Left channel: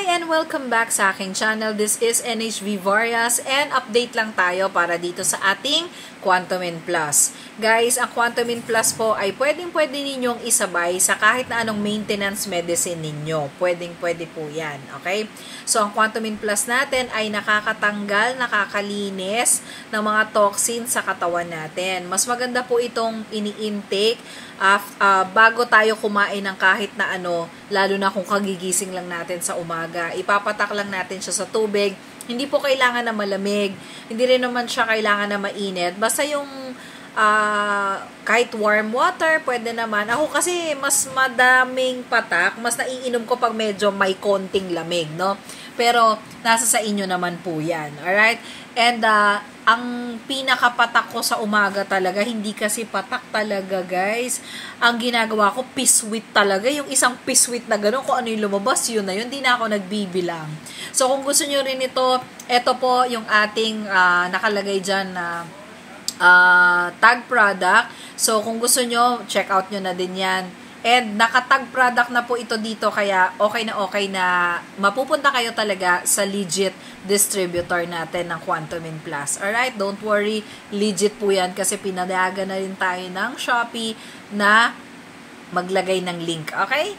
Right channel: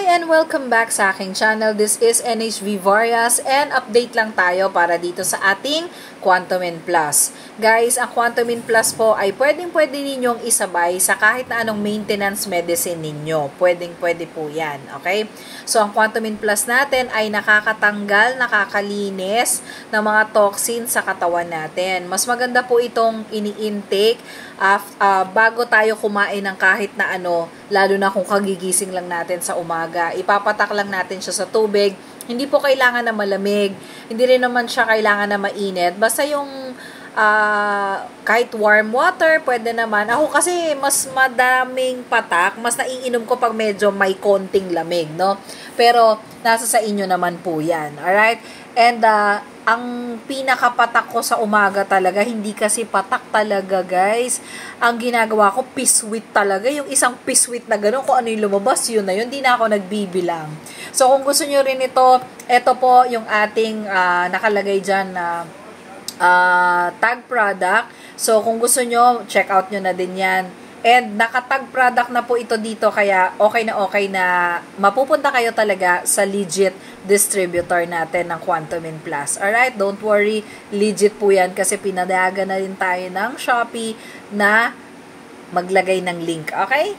Hi and welcome back sa aking channel. This is NHV Varias and update lang tayo para dito sa ating Quantumin Plus. Guys, ang Quantumin Plus po ay pwedeng-pwede ninyong isabay sa kahit na anong maintenance medicine ninyo. Pwedeng-pwede po yan. Okay? So, ang Quantumin Plus natin ay nakakatanggal, nakakalinis ng mga toxins sa katawan natin. Mas maganda po itong ini-intake bago tayo kumain ng kahit na ano, lalo na kung kagigising lang natin sa umaga. Ipapatak lang natin siya sa tubig. Hindi po kailangan na malamig. Hindi rin naman siya kailangan na mainit. Basta yung kahit warm water, pwede naman. Ako kasi mas madaming patak, mas naiinom ko pag medyo may konting lamig, no? Pero nasa sa inyo naman po yan. Alright? And ang pinakapatak ko sa umaga talaga, hindi kasi patak talaga guys. Ang ginagawa ko, piswit talaga. Yung isang piswit na gano'n, kung ano yung lumabas, yun na yun. Hindi na ako nagbibilang. So kung gusto nyo rin ito po yung ating nakalagay dyan na tag product. So kung gusto nyo, check out nyo na din yan. And nakatag product na po ito dito, kaya okay na mapupunta kayo talaga sa legit distributor natin ng Quantumin Plus. Alright, don't worry, legit po yan kasi pinadayagan na rin tayo ng Shopee na maglagay ng link. Okay?